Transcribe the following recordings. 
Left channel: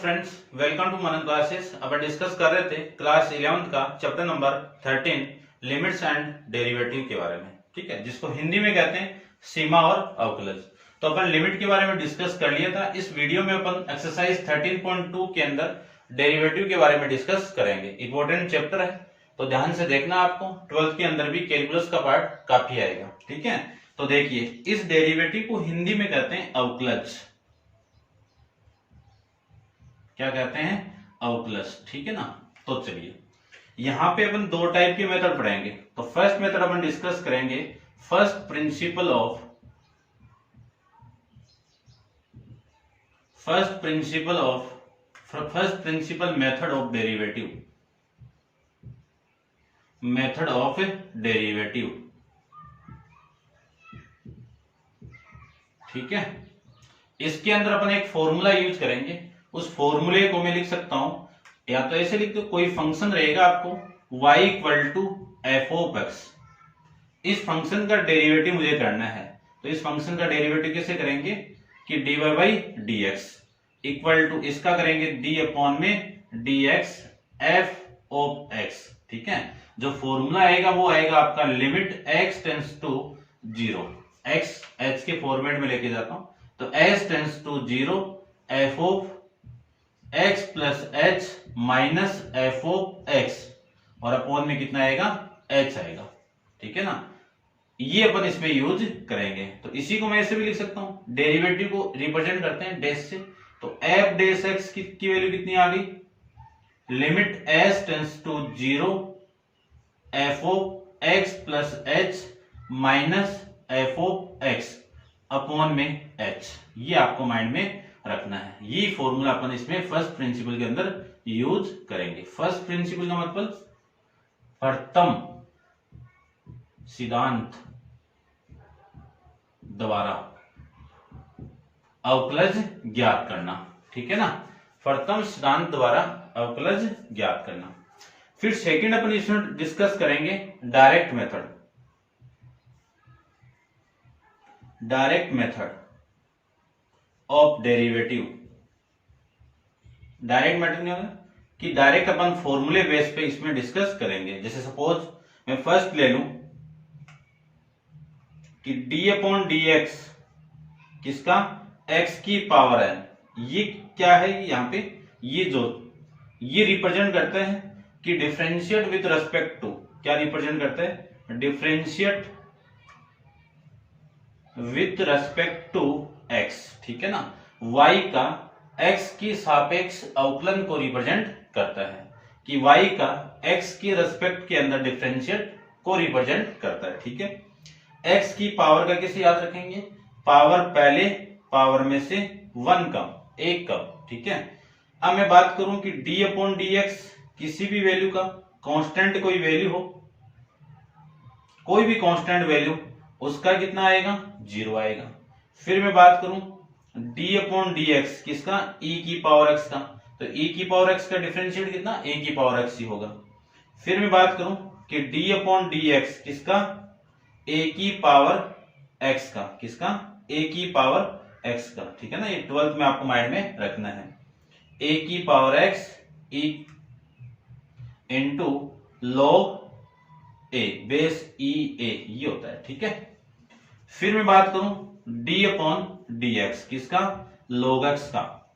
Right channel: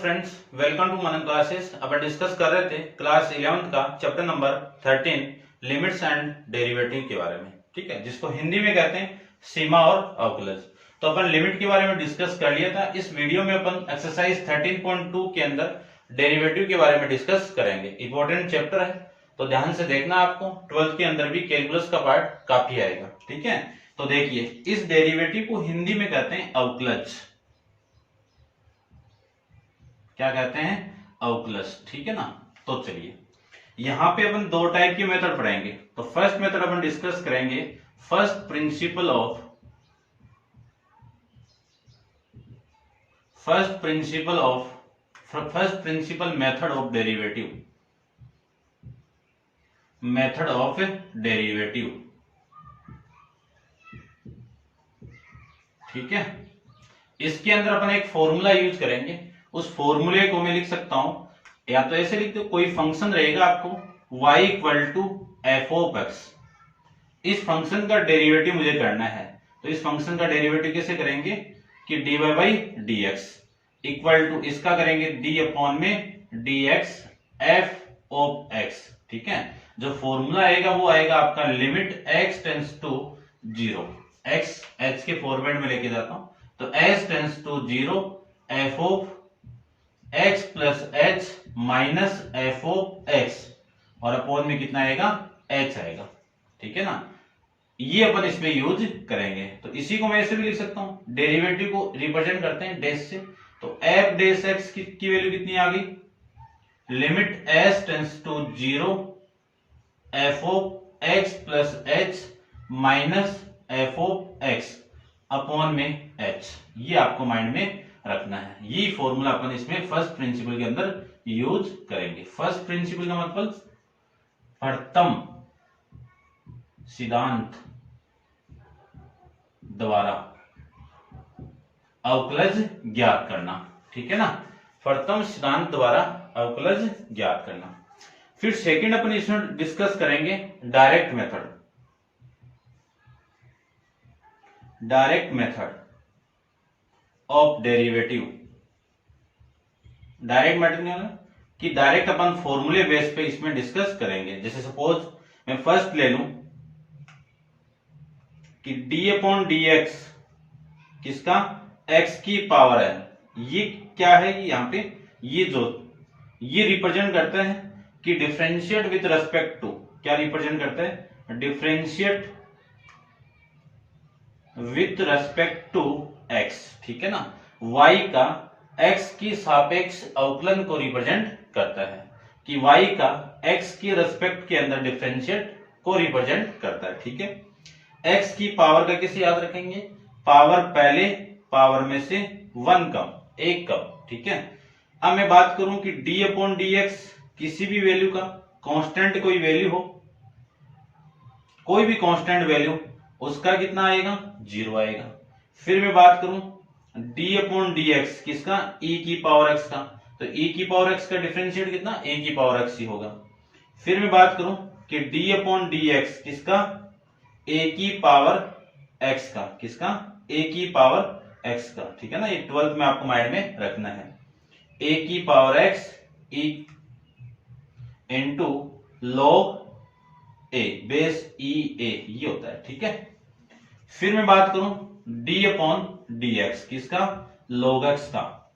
Friends, welcome to Manan classes. अब discuss कर रहे थे क्लास 11th का chapter number 13 limits and derivative के बारे में। ठीक है, जिसको हिंदी में कहते हैं सीमा और अवकलज। तो अपन लिमिट के बारे में डिस्कस कर लिया था। इस वीडियो में अपन एक्सरसाइज 13.2 के अंदर डेरिवेटिव के बारे में डिस्कस करेंगे। इंपॉर्टेंट चैप्टर है, तो ध्यान से देखना। आपको 12th के अंदर भी कैलकुलस का पार्ट काफी आएगा। ठीक है, तो देखिए, इस डेरिवेटिव को हिंदी में कहते हैं अवकलज। क्या कहते हैं? अवकलज। ठीक है ना। तो चलिए, यहां पे अपन दो टाइप की मेथड पढ़ेंगे। तो फर्स्ट मेथड अपन डिस्कस करेंगे first principle method of derivative. ठीक है, इसके अंदर अपन एक फॉर्मूला यूज करेंगे। उस फॉर्मूले को मैं लिख सकता हूं, या तो ऐसे लिख दो, कोई फंक्शन रहेगा आपको y equal to f of x. इस फंक्शन का डेरिवेटिव मुझे करना है। तो इस फंक्शन का डेरिवेटिव कैसे करेंगे कि dy by d x equal to इसका करेंगे d अपॉन में dx f ऑफ x। ठीक है, जो फॉर्मूला आएगा वो आएगा आपका limit x tends to 0। x h के फॉर्मेट में लेके जाता हूं, तो h tends to 0 f of x plus h minus f of x, और अपॉन में कितना आएगा? h आएगा। ठीक है ना, ये अपन इसमें यूज करेंगे। तो इसी को मैं ऐसे भी लिख सकता हूं, डेरिवेटिव को रिप्रेजेंट करते हैं डैश से। तो f डैश x की वैल्यू कितनी आ गई? Limit s tends to 0 f of x plus h minus f of x upon में h। ये आपको माइंड में रखना है। ये फॉर्मूला अपन इसमें फर्स्ट प्रिंसिपल के अंदर यूज करेंगे। फर्स्ट प्रिंसिपल का मतलब प्रथम सिद्धांत द्वारा अवकलज ज्ञात करना। ठीक है ना, प्रथम सिद्धांत द्वारा अवकलज ज्ञात करना। फिर सेकंड अपन इसमें डिस्कस करेंगे direct method of derivative. Direct method क्या है कि डायरेक्ट अपन फॉर्मूले बेस पे इसमें डिस्कस करेंगे। जैसे सपोज मैं फर्स्ट ले लूं कि d अपॉन डी एक्स किसका? x की पावर n। ये क्या है? यहां पे ये रिप्रेजेंट करता है कि डिफरेंशिएट विथ रेस्पेक्ट टू, क्या रिप्रेजेंट करता है? Differentiate with respect to x। ठीक है ना, y का x की सापेक्ष अवकलन को रिप्रेजेंट करता है, कि y का x की रेस्पेक्ट के अंदर डिफरेंशिएट को रिप्रेजेंट करता है। ठीक है, x की पावर का कैसे याद रखेंगे? पावर पहले, पावर में से 1 कम, 1 कम। ठीक है, अब मैं बात करूं कि d अपॉन डी एक्स किसी भी वैल्यू का कांस्टेंट, कोई वैल्यू हो, कोई भी कांस्टेंट वैल्यू, उसका कितना आएगा? 0 आएगा। फिर मैं बात करूं d अपॉन डी एक्स किसका? e की पावर x का, तो e की पावर x का डिफरेंशिएट कितना? a की पावर x ही होगा। फिर मैं बात करूं कि d अपॉन डी एक्स किसका? a की पावर x का, किसका? a की पावर x का। ठीक है ना, ये 12th में आपको माइंड में रखना है। a की power x e into log a base e a, ये होता है। ठीक है, फिर मैं बात करूं d अपॉन डी एक्स किसका? log x का,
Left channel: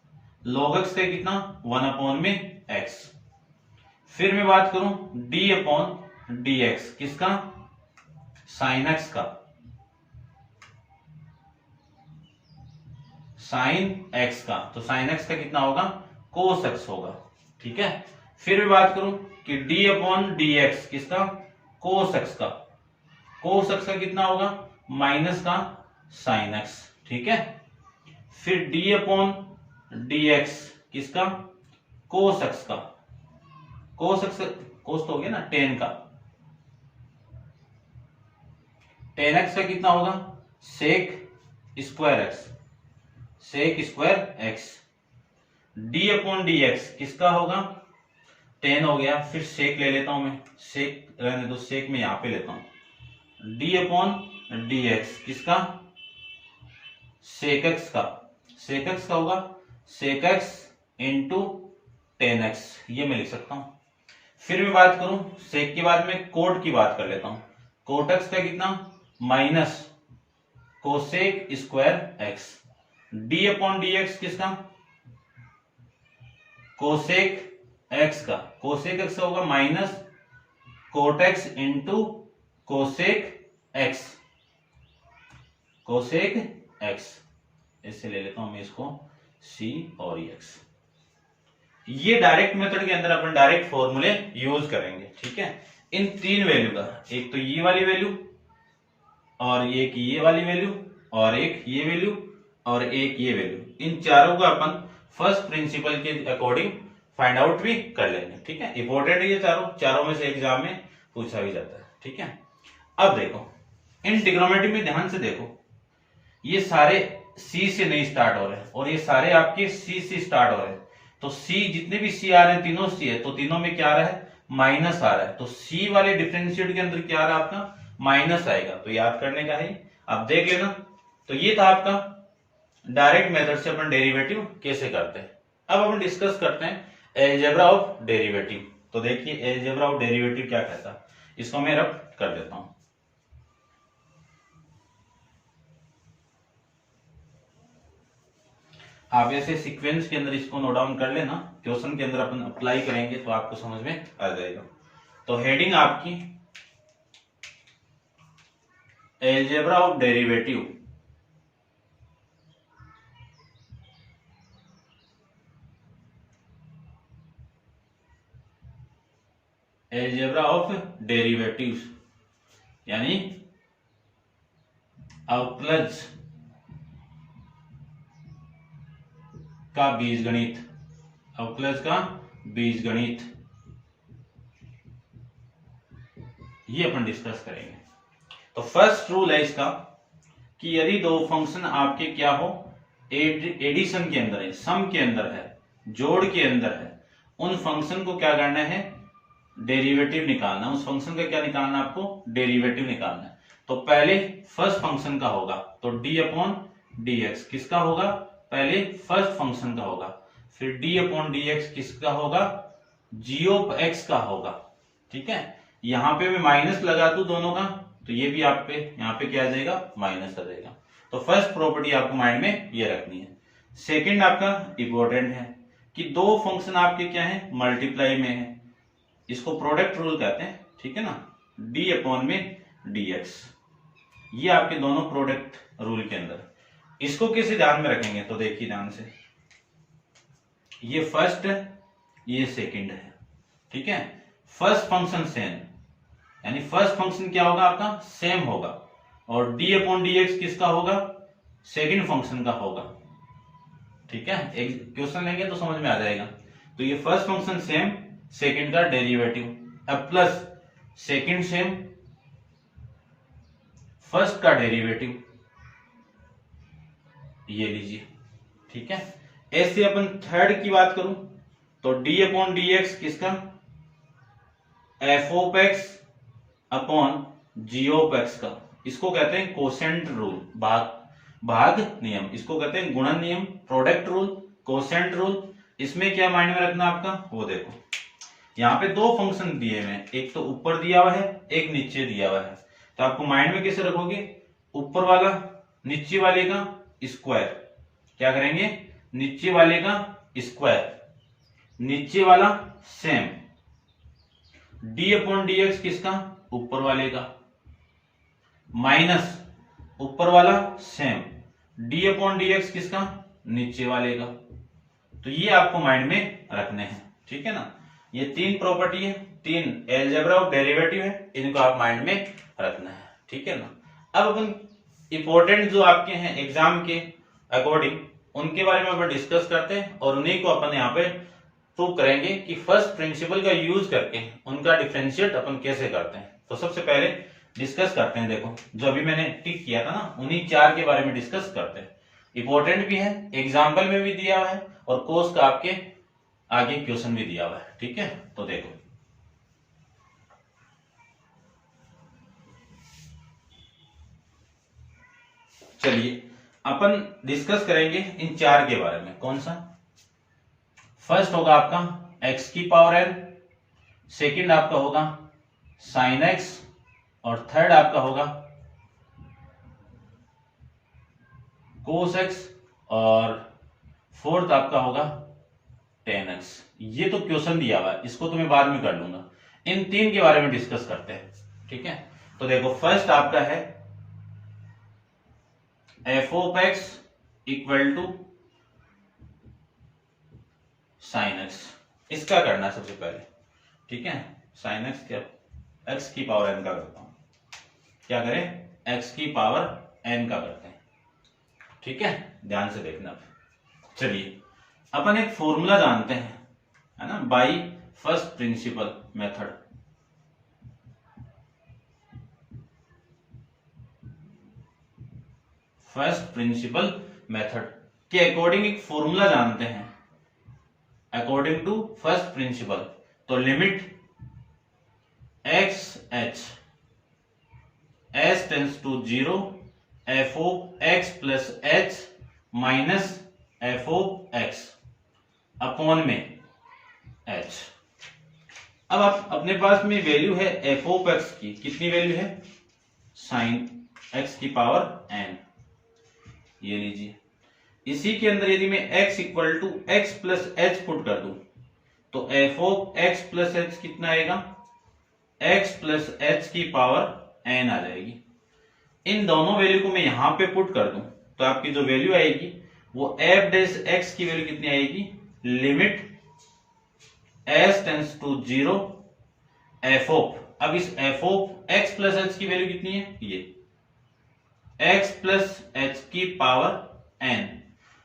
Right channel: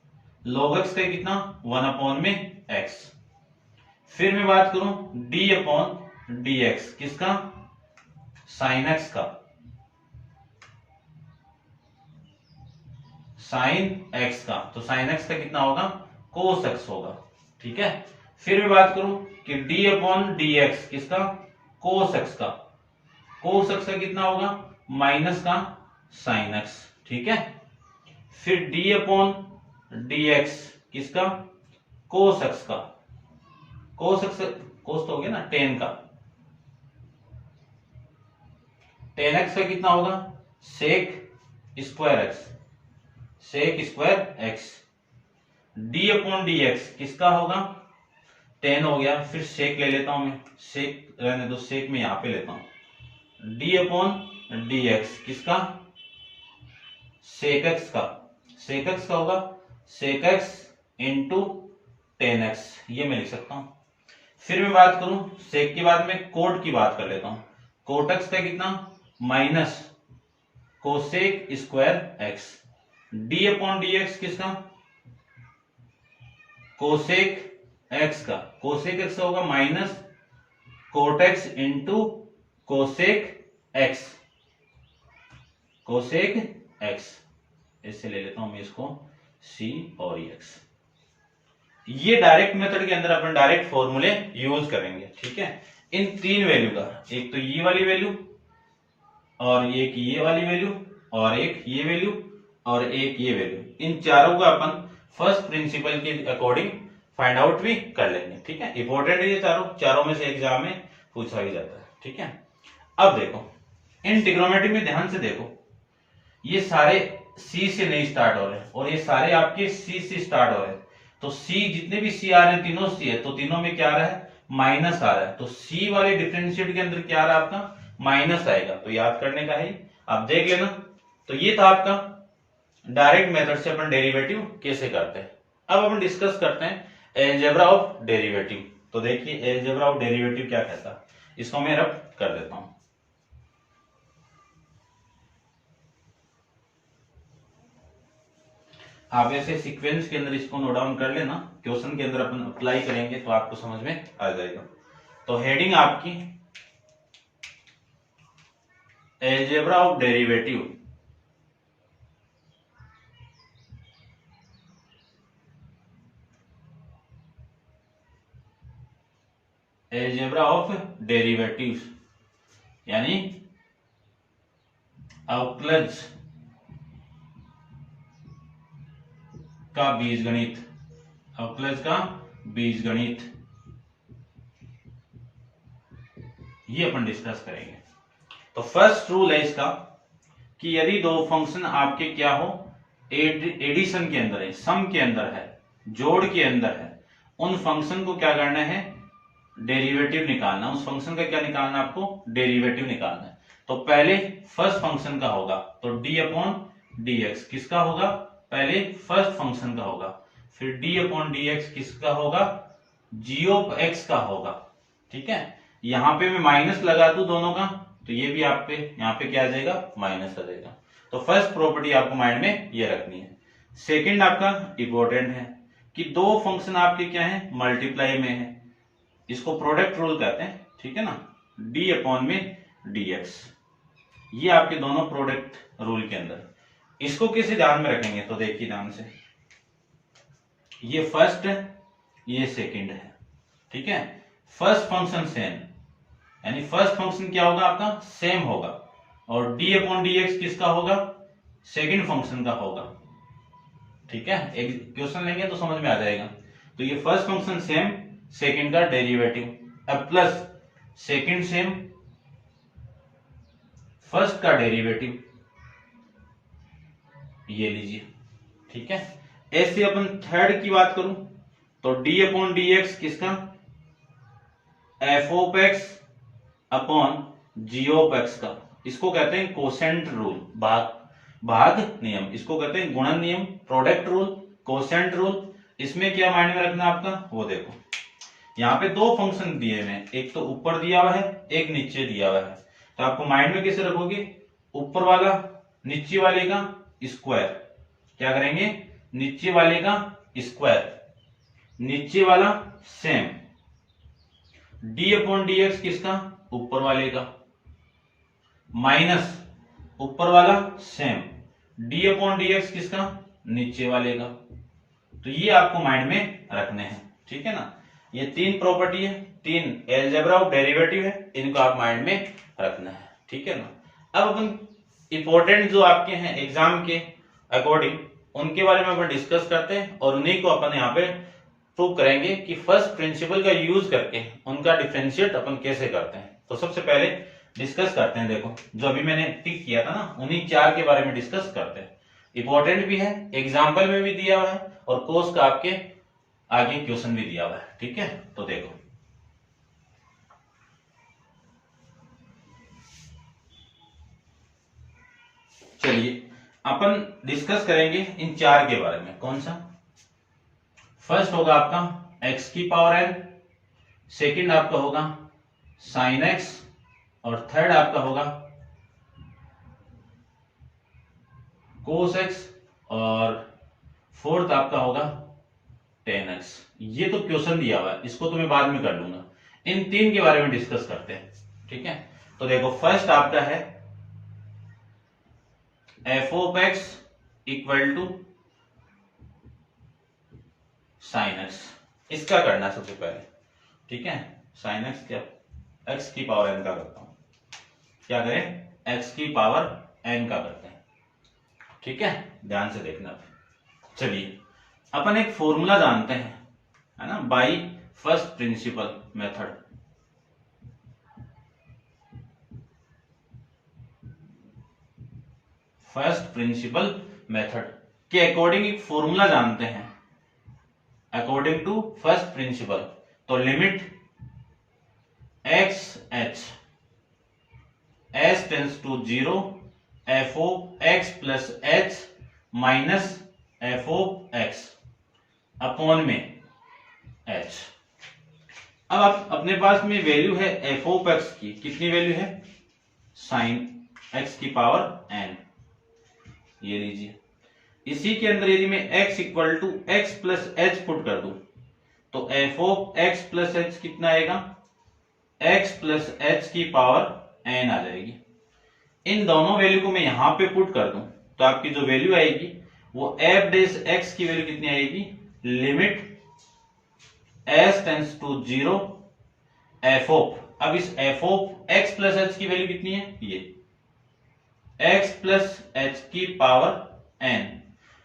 log x का कितना? 1 अपॉन में x। फिर मैं बात करूं d अपॉन डी एक्स किसका? sin x का, sin x का, तो sin x का कितना होगा? cos x होगा। ठीक है, फिर मैं बात करूं कि d अपॉन डी एक्स किसका? cos x का, cos x का कितना होगा? माइनस का sin x। ठीक है, फिर d अपॉन डी एक्स किसका? cos x का, cos x, cos तो हो गया ना, tan का, tan x का कितना होगा? sec square x, sec square x। d upon d x किसका होगा? tan हो गया। फिर sec ले लेता हूं मैं, sec रहने दो, sec में यहां पे लेता हूं। d अपॉन डी एक्स किसका? sec x का, sec x का होगा sec x इंटू 10x, ये मैं लिख सकता हूं। फिर मैं बात करूं सेक के बाद में कोट की बात कर लेता हूं। कोट एक्स का कितना, minus cosec square x. D upon d x किसका, कोसेक एक्स का। कोसेक एक्स का होगा minus cot x into cosec x, cosec x. इससे ले लेता हूं मैं इसको सी और एक्स। ये डायरेक्ट मेथड के अंदर अपन डायरेक्ट फॉर्मूले यूज करेंगे, ठीक है। इन तीन वैल्यू का, एक तो ये वाली वैल्यू और एक ये वाली वैल्यू और एक ये वैल्यू और एक ये वैल्यू, इन चारों का अपन फर्स्ट प्रिंसिपल के अकॉर्डिंग फाइंड आउट भी कर लेंगे, ठीक है। इंपॉर्टेंट है ये चारों में से एग्जाम में पूछा भी जाता है, ठीक है। अब देखो इन ट्रिग्नोमेट्री में ध्यान से देखो, ये सारे सी से नहीं स्टार्ट हो रहे हैं और ये सारे आपके सी से स्टार्ट हो रहे हैं। तो सी, जितने भी सी आ रहे हैं तीनों सी है, तो तीनों में क्या आ रहा है, माइनस आ रहा है। तो सी वाले डिफरेंशिएट के अंदर क्या आ रहा है आपका, माइनस आएगा। तो याद करने का है, आप देख लेना। तो ये था आपका डायरेक्ट मेथड से अपन डेरिवेटिव कैसे करते हैं। अब अपन डिस्कस करते हैं अलजेब्रा ऑफ डेरिवेटिव। तो देखिए अलजेब्रा ऑफ डेरिवेटिव क्या कहता है, इसको मैं रब कर देता हूं। आप ऐसे सीक्वेंस के अंदर इसको नोट डाउन कर लेना, क्वेश्चन के अंदर अपन अप्लाई करेंगे तो आपको समझ में आ जाएगा। तो हेडिंग आपकी algebra of derivative. Algebra of derivatives यानी अवकलज का बीजगणित, अवकलज का बीजगणित, ये अपन डिस्कस करेंगे। तो फर्स्ट रूल है इसका कि यदि दो फंक्शन आपके क्या हो, एडिशन के अंदर है, सम के अंदर है, जोड़ के अंदर है, उन फंक्शन को क्या करना है, डेरिवेटिव निकालना। उस फंक्शन का क्या निकालना है आपको, डेरिवेटिव निकालना है। तो पहले फर्स्ट फंक्शन का होगा, तो डी अपॉन डी एक्स किसका होगा, पहले फर्स्ट फंक्शन का होगा। फिर डी अपॉन डी एक्स किसका होगा, जी ऑफ एक्स का होगा, ठीक है। यहां पे मैं माइनस लगा दूं दोनों का, तो ये भी आप पे यहाँ पे क्या आ जाएगा, माइनस आ जाएगा। तो फर्स्ट प्रॉपर्टी आपको माइंड में ये रखनी है। सेकंड आपका इंपॉर्टेंट है कि दो फंक्शन आपके क्या है, मल्टीप्लाई में है, इसको प्रोडक्ट रूल कहते हैं, ठीक है ना। डी अपॉन में डी एक्स, ये आपके दोनों प्रोडक्ट रूल के अंदर। इसको कैसे ध्यान में रखेंगे, तो देखिए ध्यान से, ये फर्स्ट ये सेकंड है, ठीक है। फर्स्ट फंक्शन सेम, यानी फर्स्ट फंक्शन क्या होगा आपका, सेम होगा, और डी अपॉन डी एक्स किसका होगा, सेकंड फंक्शन का होगा, ठीक है। एक क्वेश्चन लेंगे तो समझ में आ जाएगा। तो ये फर्स्ट फंक्शन सेम, सेकंड का डेरिवेटिव, अब प्लस सेकंड सेम, फर्स्ट का डेरिवेटिव, ये लीजिए, ठीक है। ऐसे अपन थर्ड की बात करूं तो डी अपॉन डी एक्स किसका, f of x upon g of x का। इसको कहते हैं कोसेंट रूल, भाग नियम, इसको कहते हैं गुणन नियम, प्रोडक्ट रूल, कोसेंट रूल। इसमें क्या माइंड में रखना आपका, वो देखो यहाँ पे दो फंक्शन दिए हुए हैं, एक तो ऊपर दिया हुआ है, एक नीचे दिया हुआ है। तो आपको माइंड में कैसे रखोगे, ऊपर वाला नीचे वाले का स्क्वायर, क्या करेंगे, नीचे वाले का स्क्वायर, नीचे वाला same, D upon d x किसका, ऊपर वाले का, माइनस ऊपर वाला same, D upon d x किसका, नीचे वाले का। तो ये आपको माइंड में रखने हैं, ठीक है ना। ये तीन प्रॉपर्टी है, तीन अलजेब्रा ऑफ डेरिवेटिव है, इनको आप माइंड में रखना है, ठीक है ना। अब अपन इंपॉर्टेंट जो आपके हैं एग्जाम के अकॉर्डिंग, उनके बारे में अपन डिस्कस करते हैं और उन्हीं को अपन यहाँ पे प्रूव करेंगे कि फर्स्ट प्रिंसिपल का यूज करके उनका डिफरेंशिएट अपन कैसे करते हैं। तो सबसे पहले डिस्कस करते हैं, देखो जो अभी मैंने टिक किया था ना, उन्हीं चार के बारे में डिस्कस करते हैं। इंपॉर्टेंट भी है, एग्जाम्पल में भी दिया हुआ है और कोर्स का आपके आगे क्वेश्चन भी दिया हुआ है, ठीक है। तो देखो चलिए अपन डिस्कस करेंगे इन चार के बारे में। कौन सा, फर्स्ट होगा आपका x की पावर n, सेकंड आपका होगा साइन x, और थर्ड आपका होगा कोस x, और फोर्थ आपका होगा tan x। ये तो क्वेश्चन दिया हुआ है, इसको तो मैं बाद में कर लूंगा। इन तीन के बारे में डिस्कस करते हैं, ठीक है। तो देखो फर्स्ट आपका है f of x equal to sine x. इसका करना है सबसे पहले, ठीक है। साइन एक्स क्या, एक्स की पावर एन का करता हूं। क्या करें, एक्स की पावर एन का करते हैं, ठीक है। ध्यान से देखना। चलिए अपन एक फॉर्मूला जानते हैं, है ना, by first principle method. First principle method के अकॉर्डिंग एक फॉर्मूला जानते हैं, अकॉर्डिंग टू फर्स्ट प्रिंसिपल। तो limit x h s tends to 0 f of x plus h minus f of x upon में एच। अब आप अपने पास में वैल्यू है एफ ऑफ एक्स की, कितनी वैल्यू है, साइन एक्स की पावर एन, ये लीजिए। इसी के अंदर यदि मैं x equal to x plus h put कर दूं तो f of x plus h कितना आएगा, x प्लस एच की पावर n आ जाएगी। इन दोनों वैल्यू को मैं यहां पे पुट कर दूं तो आपकी जो वैल्यू आएगी वो एफ डेस एक्स की वैल्यू कितनी आएगी, limit s tends to 0 f of, अब इस f of x plus h की वैल्यू कितनी है, ये x प्लस एच की पावर n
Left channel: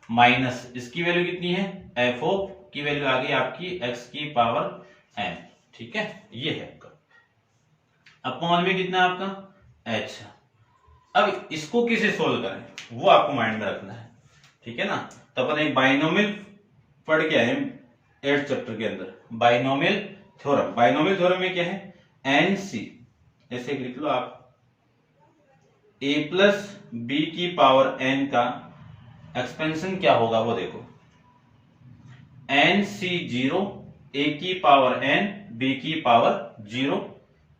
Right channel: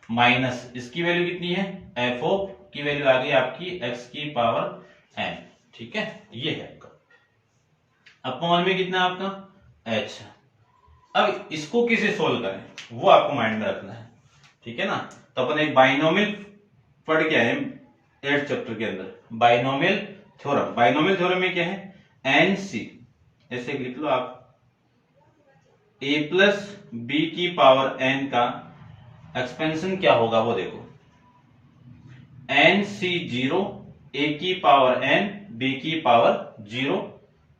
माइनस इसकी वैल्यू कितनी है, एफ ऑफ की वैल्यू आ गई आपकी x की पावर n, ठीक है। ये है आपका अपॉन में कितना आपका h। अब इसको किसे सोल्व करें वो आपको माइंड में रखना है, ठीक है ना। तो अपन एक बाइनोमियल पढ़ के आए 8th चैप्टर के अंदर, बाइनोमियल थ्योरम। बाइनोमियल थ्योरम में क्या है, एन सी, ऐसे लिख लो आप, a प्लस बी की पावर n का एक्सपेंशन क्या होगा वो देखो, एन सी 0 a की पावर n b की power 0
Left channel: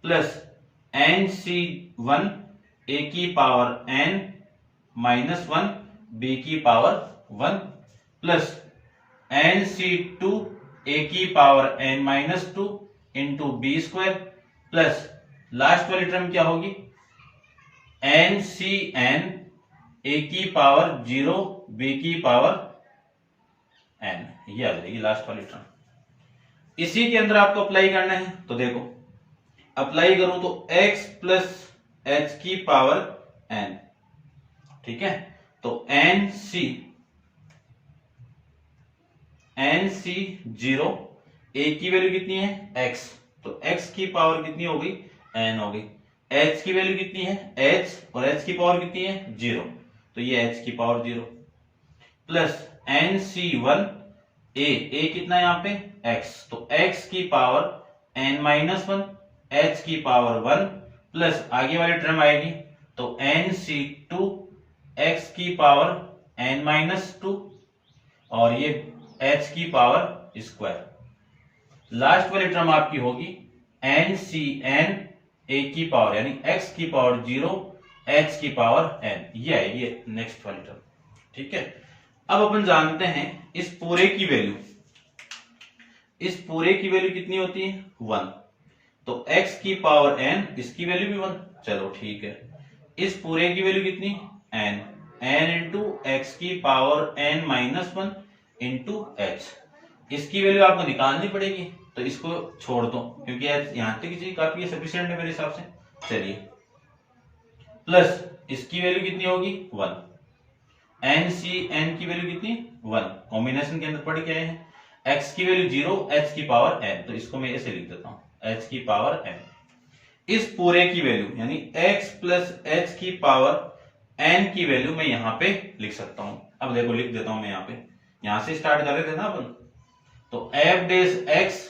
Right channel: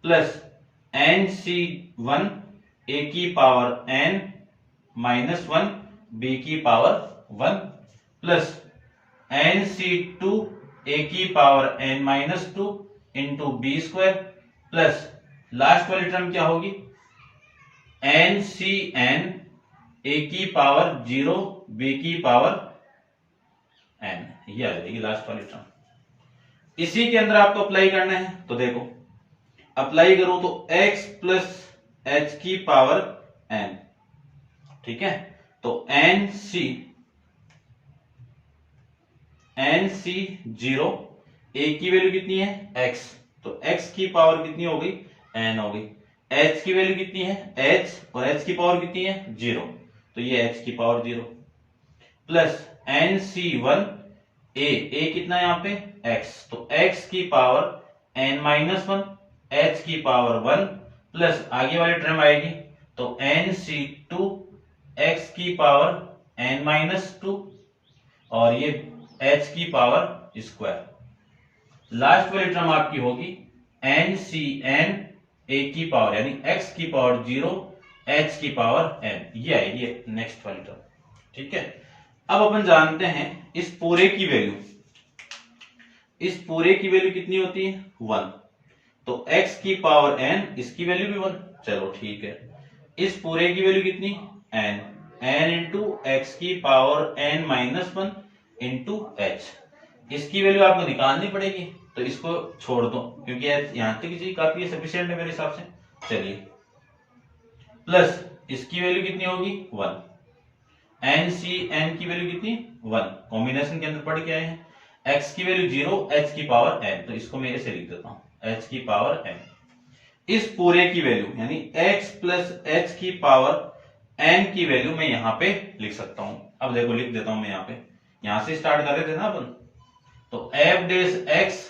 plus n c 1 a की पावर n माइनस 1 b की power 1 plus n c 2 a की power n minus 2 into b square plus last वाली टर्म क्या होगी, एन सी एन ए की power 0 b की power n, ये आ जाएगी लास्ट वाली टर्म। इसी के अंदर आपको अप्लाई करना है, तो देखो अप्लाई करूं तो x प्लस एच की पावर n, ठीक है। तो एन सी 0 a की वैल्यू कितनी है x, तो x की पावर कितनी होगी, n होगी। h की वैल्यू कितनी है h, और h की पावर कितनी है 0, तो ये h की power 0 plus n c 1 a कितना है यहाँ पे x, तो x की पावर n माइनस 1 h की पावर 1 प्लस आगे वाली टर्म आएगी तो एन सी 2 x की पावर n माइनस 2 और ये h की पावर स्क्वायर। लास्ट वाली टर्म आपकी होगी एन सी एन a की पावर यानी x की पावर 0 h की पावर n, ये आएगी नेक्स्ट वाली टर्म, ठीक है। अब अपन जानते हैं इस पूरे की वैल्यू, इस पूरे की वैल्यू कितनी होती है 1, तो x की पावर n, इसकी वैल्यू भी 1, चलो ठीक है। इस पूरे की वैल्यू कितनी n इंटू एक्स की power n minus 1 into H, इसकी वैल्यू आपको निकालनी पड़ेगी, तो इसको छोड़ दो क्योंकि यहां तक चीज काफी सफिशिएंट है मेरे हिसाब से। चलिए प्लस इसकी वैल्यू कितनी होगी 1, एन सी एन की वैल्यू कितनी 1, कॉम्बिनेशन के अंदर पढ़ के आए हैं। x की वैल्यू 0 h की पावर n, तो इसको मैं ऐसे लिख देता हूं h की पावर n। इस पूरे की वैल्यू यानी x प्लस h की पावर n की वैल्यू मैं यहां पे लिख सकता हूं। अब देखो लिख देता हूं मैं यहां पे, यहां से स्टार्ट कर रहे थे ना अपन, तो f days x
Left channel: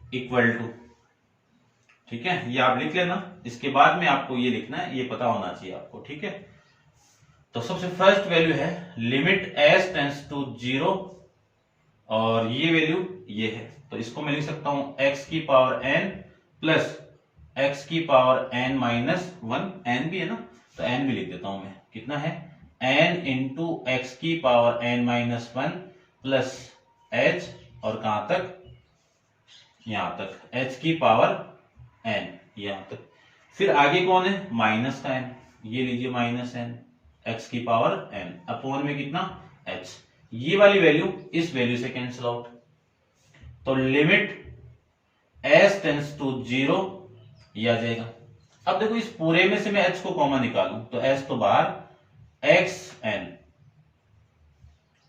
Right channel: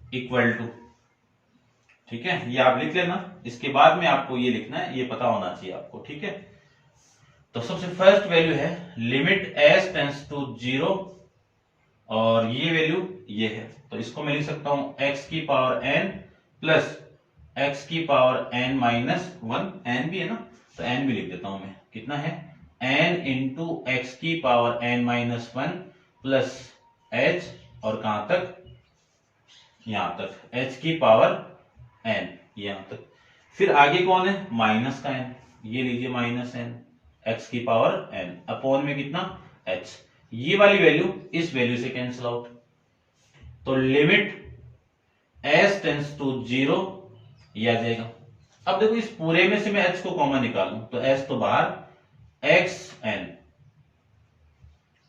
equal to, ठीक है, ये आप लिख लेना। इसके बाद में आपको ये लिखना है, ये पता होना चाहिए आपको, ठीक है। तो सबसे फर्स्ट वैल्यू है लिमिट s टेंस टू 0 और ये वैल्यू ये है, तो इसको मैं लिख सकता हूं x की पावर n प्लस x की पावर n माइनस 1, n भी है ना, तो n भी लिख देता हूं मैं, कितना है n इंटू एक्स की power n minus 1 plus h, और कहां तक, यहां तक h की पावर n, यहां तक। फिर आगे कौन है, माइनस का n, ये लीजिए माइनस n x की पावर n अपॉन में कितना h, ये वाली वैल्यू इस वैल्यू से कैंसिल आउट, तो लिमिट s टेंड्स टू 0 ये आ जाएगा। अब देखो इस पूरे में से मैं h को कॉमन निकालूं तो s तो बाहर, x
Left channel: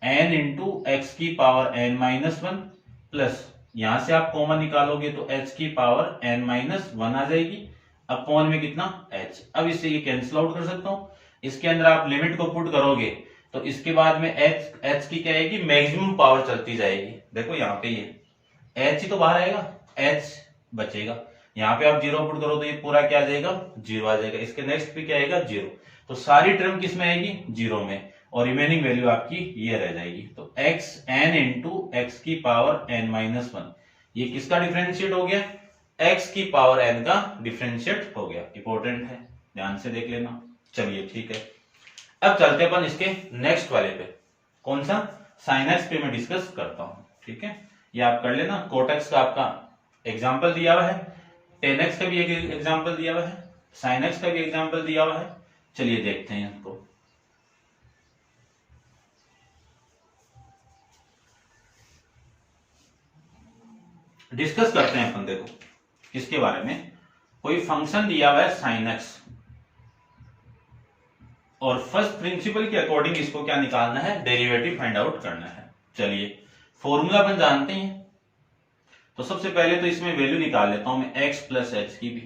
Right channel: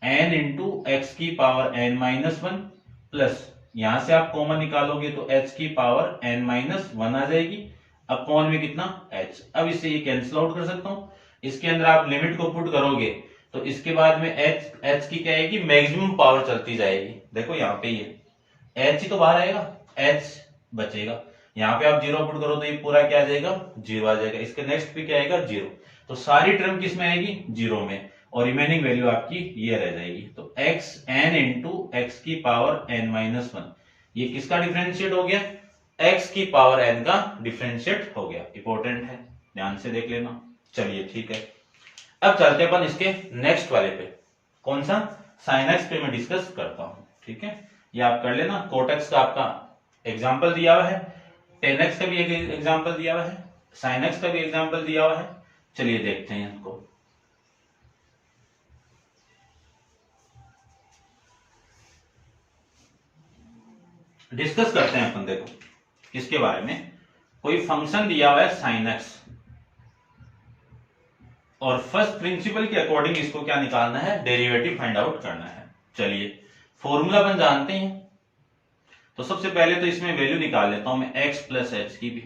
n इंटू एक्स की पावर n माइनस 1 प्लस यहां से आप कॉमन निकालोगे तो h की पावर n माइनस 1 आ जाएगी अपॉन में कितना h। अब इससे ये कैंसिल आउट कर सकता हूं, इसके अंदर आप लिमिट को पुट करोगे तो इसके बाद में h की क्या आएगी, मैक्सिमम पावर चलती जाएगी। देखो यहाँ पे ये h ही तो बाहर आएगा, h बचेगा, यहाँ पे आप 0 पुट करो तो ये पूरा क्या आ जाएगा, 0 आ जाएगा। इसके नेक्स्ट पे क्या आएगा, 0, तो सारी टर्म किस में आएगी, 0 में, और रिमेनिंग वैल्यू आपकी ये रह जाएगी। तो x n इंटू एक्स की पावर n माइनस 1, ये किसका डिफरेंशिएट हो गया, x की पावर n का डिफरेंशिएट हो गया। इंपॉर्टेंट है, ध्यान से देख लेना। चलिए ठीक है, अब चलते अपन इसके नेक्स्ट वाले पे, कौन सा, sin x पे मैं डिस्कस करता हूं। ठीक है, ये आप कर लेना। cot x का आपका एग्जाम्पल दिया हुआ है, tan x का भी एक एग्जाम्पल दिया हुआ है, sin x का भी एग्जाम्पल दिया हुआ है। चलिए देखते हैं इनको। डिस्कस करते हैं अपन। देखो इसके बारे में, कोई फंक्शन दिया हुआ है sin x, और फर्स्ट प्रिंसिपल के अकॉर्डिंग इसको क्या निकालना है, डेरिवेटिव फाइंड आउट करना है। चलिए फॉर्मूला अपन जानते हैं, तो सबसे पहले तो इसमें वैल्यू निकाल लेता हूं मैं x प्लस एच की भी,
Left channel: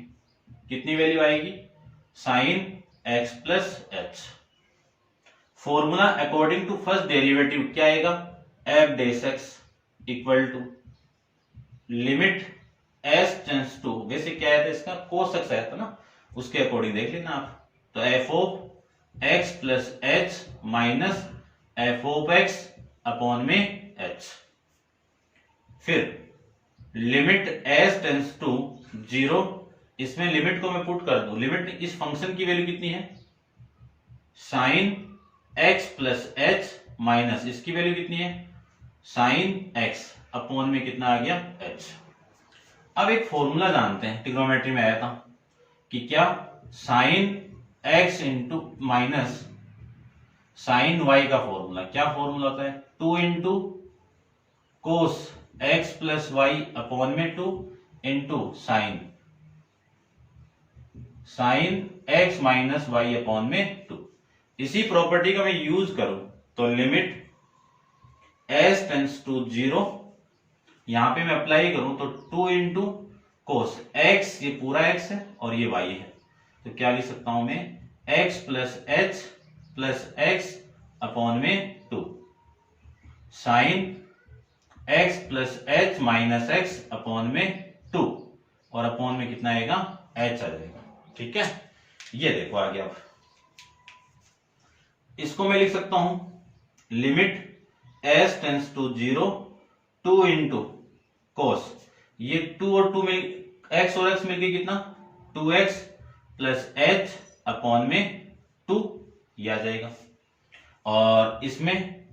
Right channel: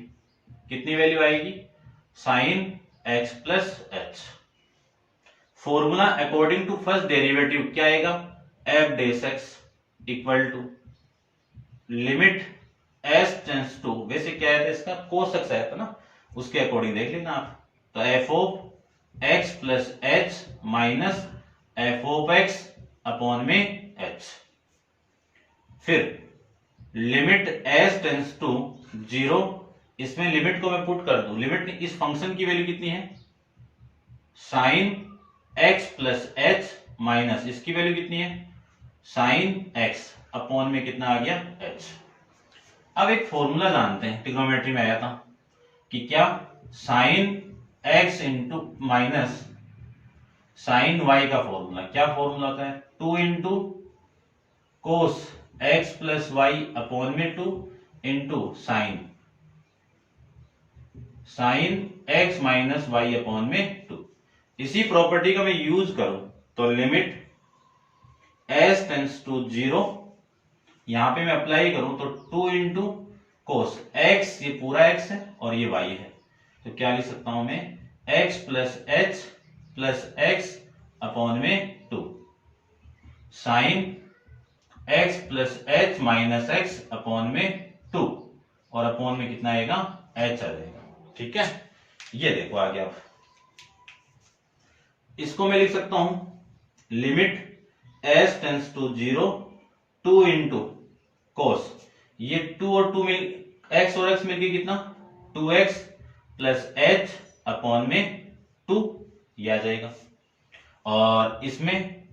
कितनी वैल्यू आएगी, sine x plus h. Formula according to first derivative क्या आएगा, f days x equal to limit s tends to, वैसे क्या है इसका cos x है ना, उसके अकॉर्डिंग देख लेना आप, तो f of x plus h minus f of x upon में h। फिर लिमिट s टेंड्स टू 0, इसमें लिमिट को मैं पुट कर दूं, लिमिट इस फंक्शन की वैल्यू कितनी है, sine x plus h minus इसकी वैल्यू कितनी है, साइन x अपॉन में कितना आ गया, h। अब एक फॉर्मूला जानते हैं, ट्रिग्नोमेट्री में आया था कि क्या, sine x into minus sine y का फॉर्मूला, क्या फॉर्मूला होता है, 2 into cos x plus y upon में 2 into sine x minus y upon में 2। इसी प्रॉपर्टी का मैं यूज करूं तो लिमिट s टेंड्स टू 0, यहां पे मैं अप्लाई करूं तो 2 इंटू कोस x, ये पूरा x है और ये y है, तो क्या लिख सकता हूं मैं, x plus h plus x upon में 2 sine x plus h minus x upon में 2, और अपॉन में कितना आएगा, h आ जाएगा। ठीक है, ये देखो आगे आप, इसको मैं लिख सकता हूं limit s tends to 0, 2 into cos, ये 2 और 2 मिल, x और x मिलके कितना, 2x प्लस h अपॉन में 2, ये आ जाएगा। और इसमें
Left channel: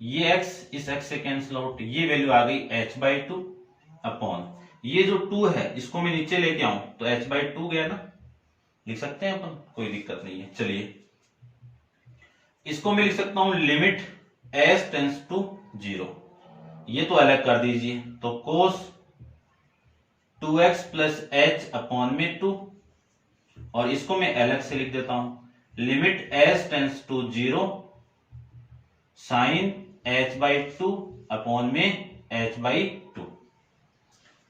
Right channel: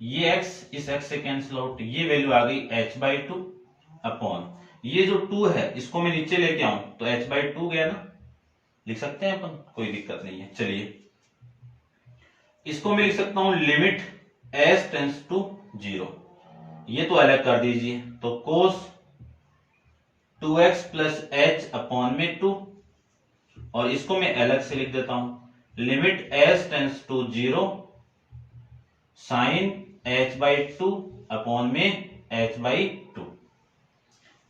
ये x इस x से कैंसिल आउट, ये वैल्यू आ गई h बाई 2 अपॉन, ये जो 2 है इसको मैं नीचे लेके आऊं तो h बाई 2 गया ना, लिख सकते हैं अपन, कोई दिक्कत नहीं है। चलिए इसको मैं लिख सकता हूं लिमिट s टेंड्स टू 0, ये तो अलग कर दीजिए, तो कोस 2x प्लस h अपॉन में 2, और इसको मैं अलग से लिख देता हूं limit s tends to 0 sine h by 2 upon में h बाई 2।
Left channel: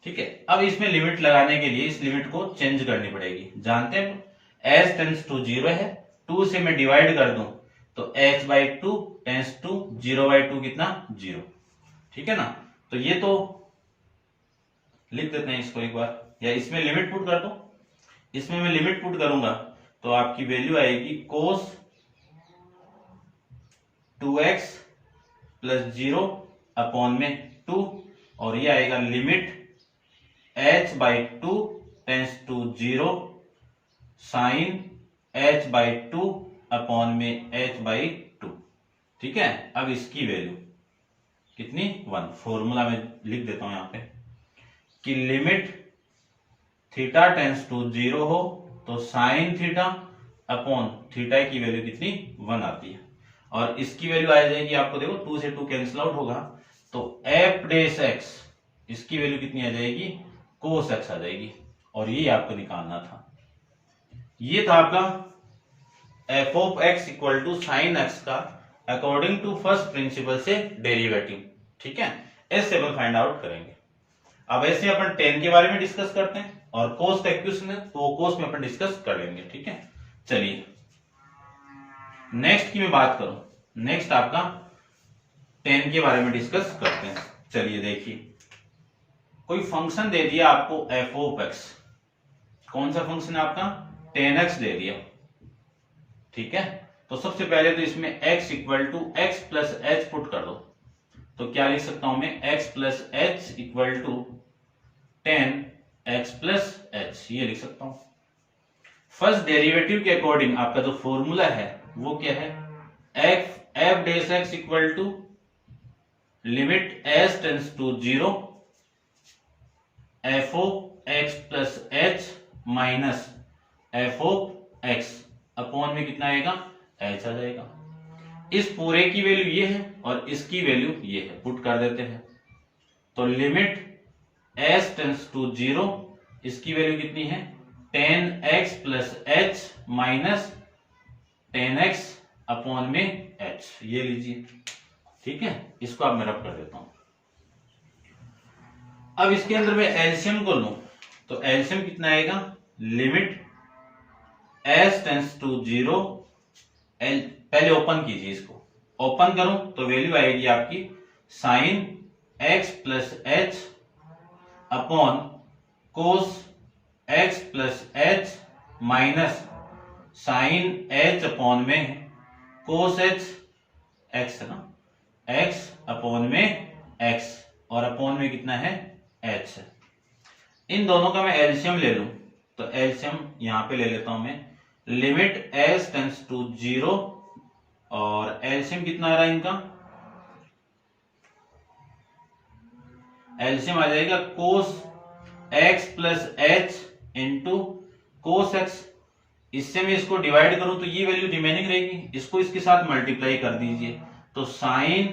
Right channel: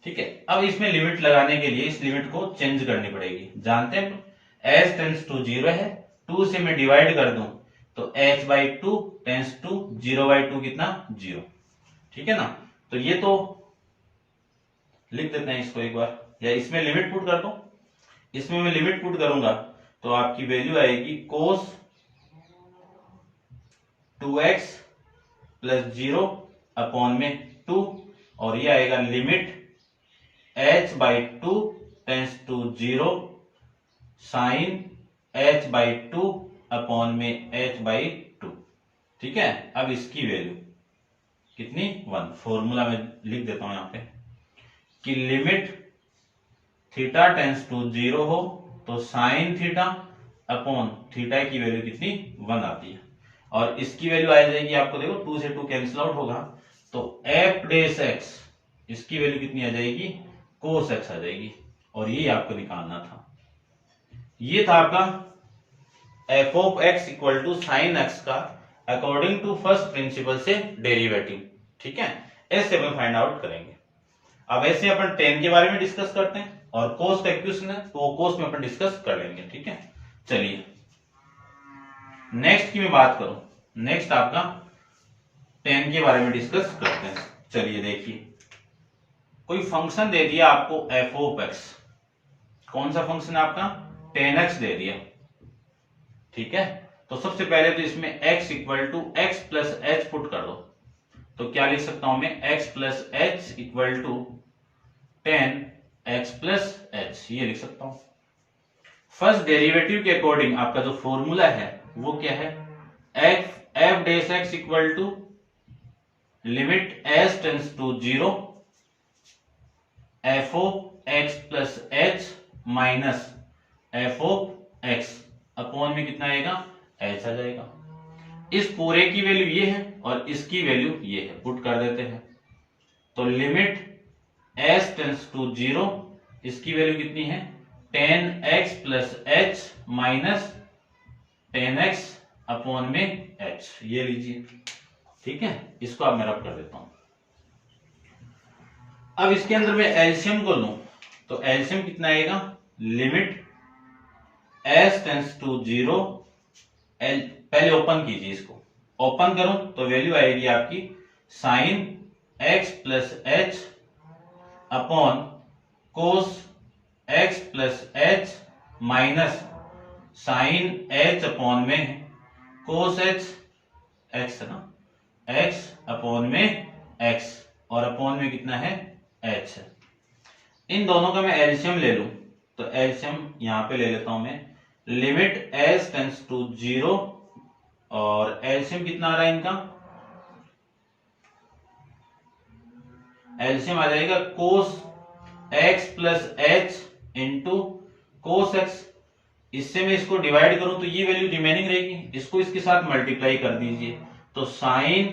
ठीक है, अब इसमें लिमिट लगाने के लिए इस लिमिट को चेंज करनी पड़ेगी, जानते हैं s टेंड्स टू 0 है, 2 से मैं डिवाइड कर दूं तो h by 2 tends to 0 by 2 कितना, 0। ठीक है ना, तो ये तो लिख देते हैं इसको एक बार, या इसमें लिमिट पुट कर दो, इसमें मैं लिमिट पुट करूंगा तो आपकी वैल्यू आएगी कोस 2x प्लस 0 अपॉन में 2 और ये आएगा limit h/2 tends to 0 sine h/2 upon में h/2। ठीक है, अब इसकी वैल्यू कितनी 1। फॉर्मूला में लिख देता हूं यहां पे कि लिमिट थीटा टेंस टू 0 हो तो साइन थीटा अपॉन थीटा की वैल्यू कितनी 1 आती है और इसकी वैल्यू आ जाएगी आपको, देखो 2 से 2 कैंसिल आउट होगा तो f डेश x इसकी वैल्यू कितनी आ जाएगी cos x आ जाएगी और ये आपको निकालना था। ये था आपका f of x equal to sine x का अकॉर्डिंग टू फर्स्ट प्रिंसिपल से डेरिवेटिव। ठीक है, ऐसे अपन फाइंड आउट करेंगे। अब ऐसे अपन टेन के बारे में डिस्कस करते हैं और कोस का इक्वेशन है तो कोस में अपन डिस्कस कर लेंगे। ठीक है, चलिए नेक्स्ट की मैं बात करूं, नेक्स्ट आपका टेन के बारे में डिस्कस करते हैं। चलिए देखिए, कोई फंक्शन दे दिया आपको f ऑफ x, कौन सा फंक्शन है आपका 10x दे दिया। ठीक है, तो सबसे पहले तो इसमें x equal to x plus h put कर दो, तो क्या लिख सकता हूं मैं x plus h equal to 10x plus h, ये लिख सकता हूं। फर्स्ट डेरिवेटिव के अकॉर्डिंग आपका जो फॉर्मूला है वो क्या है, f dash x equal to limit s tends to 0 f of x plus h minus f of x upon में कितना आएगा h आ जाएगा। इस पूरे की वैल्यू ये है और इसकी वैल्यू ये है, पुट कर देते हैं तो लिमिट s टेंस टू 0 इसकी वैल्यू कितनी है 10x plus h minus 10x upon में h, ये लीजिए। ठीक है, इसको अब मैं रब कर देता हूं। अब इसके अंदर मैं एलसीएम को लूं तो एलसीएम कितना आएगा, लिमिट s टेंस टू 0, पहले ओपन कीजिए, इसको ओपन करूं तो वैल्यू आएगी आपकी sine x plus h upon cos x plus h minus sine h upon में कोस h, x है ना, x अपॉन में x और अपॉन में कितना है h है। इन दोनों का मैं एलसीएम ले लूं तो एलसीएम यहां पे ले लेता हूं मैं, लिमिट s टेंस टू 0 और एलसीएम कितना आ रहा है इनका, एलसीएम आ जाएगा कोस x plus h into cos x। इससे मैं इसको डिवाइड करूं तो ये वैल्यू रिमेनिंग रहेगी, इसको इसके साथ मल्टीप्लाई कर दीजिए तो sine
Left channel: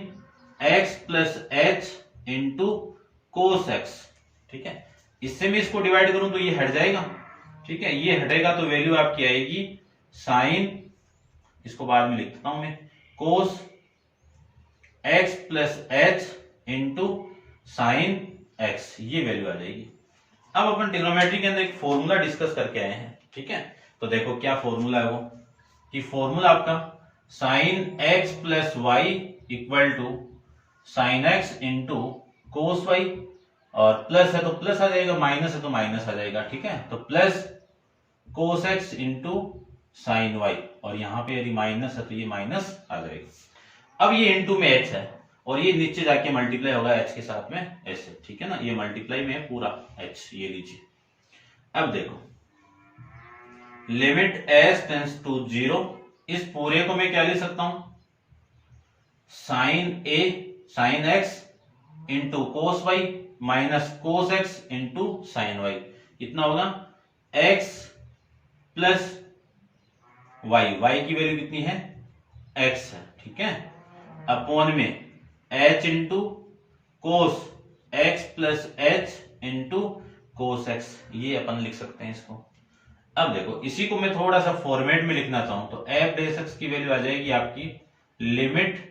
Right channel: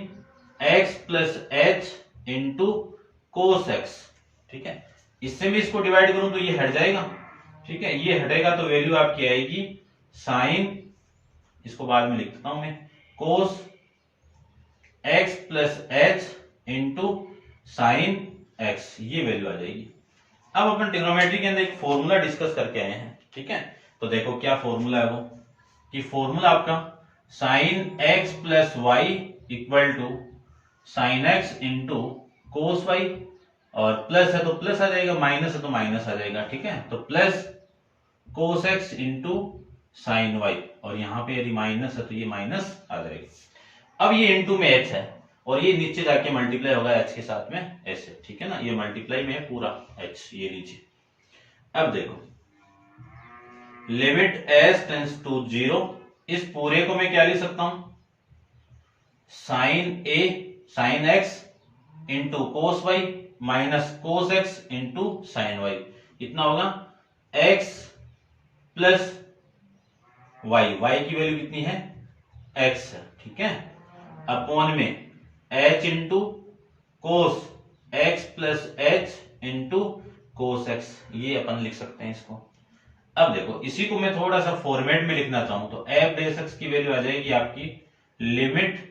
x plus h into cos x। ठीक है, इससे मैं इसको डिवाइड करूं तो ये हट जाएगा। ठीक है, ये हटेगा तो वैल्यू आपकी आएगी साइन, इसको बाद में लिख देता हूं मैं, कोस x plus h into sine x, ये वैल्यू आ जाएगी। अब अपन ट्रिग्नोमेट्री के अंदर एक फॉर्मूला डिस्कस करके आए हैं। ठीक है, तो देखो क्या फॉर्मूला है वो, कि फॉर्मूला आपका sine x plus y equal to sine x into cos y, और प्लस है तो प्लस आ जाएगा, माइनस है तो माइनस आ जाएगा। ठीक है, तो plus cos x into sine y, और यहां पे यदि माइनस है तो ये माइनस आ जाएगा। अब ये इंटू में h है और ये नीचे जाके मल्टीप्लाई होगा h के साथ में ऐसे। ठीक है ना, ये मल्टीप्लाई में है पूरा h, ये लीजिए। अब देखो लिमिट s टेंस टू 0, इस पूरे को मैं क्या लिख सकता हूं, sine x into cos y minus cos x into sine y, कितना होगा x प्लस वाई, वाई की वैल्यू कितनी है x है। ठीक है, अपॉन में h into cos x plus h into cos x, ये अपन लिख सकते हैं इसको। अब देखो इसी को मैं थोड़ा सा फॉर्मेट में लिखना चाहूं तो f डेश x की वैल्यू आ जाएगी आपकी limit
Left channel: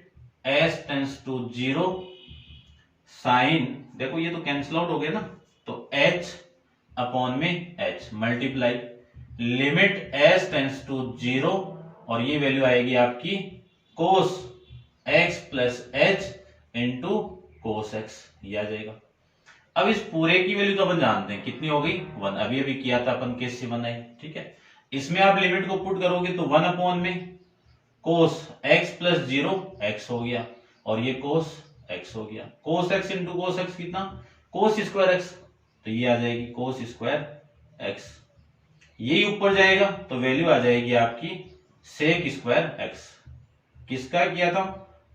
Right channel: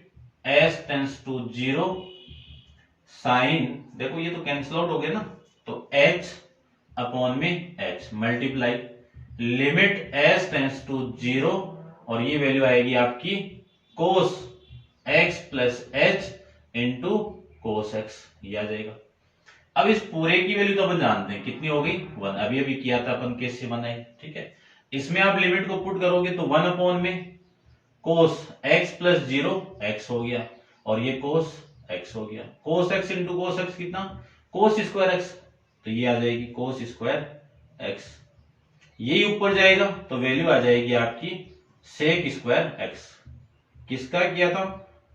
s tends to 0 sine, देखो ये तो कैंसिल आउट हो गया ना, तो h अपॉन में h multiply limit s tends to 0 और ये वैल्यू आएगी आपकी cos x plus h into cos x, ये आ जाएगा। अब इस पूरे की वैल्यू तो अपन जानते हैं कितनी हो गई 1, अभी अभी किया था अपन, कैसे बनाई। ठीक है, इसमें आप लिमिट को पुट करोगे तो 1 अपॉन में कोस x प्लस 0 x हो गया और ये कोस एक्स हो गया। Cos x into cos x कितना, कोस स्क्वायर एक्स, तो ये आ जाएगी कोस स्क्वायर एक्स। यही ऊपर जाएगा तो वैल्यू आ जाएगी आपकी सेक स्क्वायर एक्स। किसका किया था,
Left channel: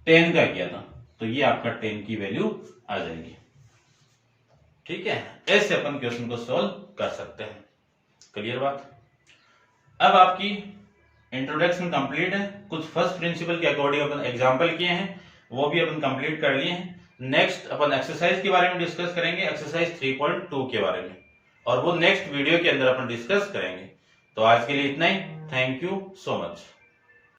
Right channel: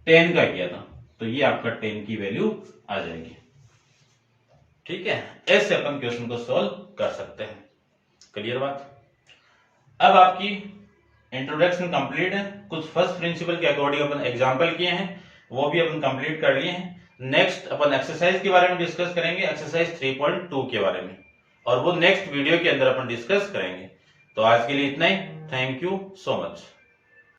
टेन का किया था, तो ये आपका टेन की वैल्यू आ जाएगी। ठीक है, ऐसे अपन क्वेश्चन को सॉल्व कर सकते हैं। क्लियर बात। अब आपकी इंट्रोडक्शन कंप्लीट है, कुछ फर्स्ट प्रिंसिपल के अकॉर्डिंग अपन एग्जांपल किए हैं, वो भी अपन कंप्लीट कर लिए हैं। नेक्स्ट अपन एक्सरसाइज के बारे में डिस्कस करेंगे, एक्सरसाइज 3.2 के बारे में, और वो नेक्स्ट वीडियो के अंदर अपन डिस्कस करेंगे। तो आज के लिए इतना ही। Thank you so much.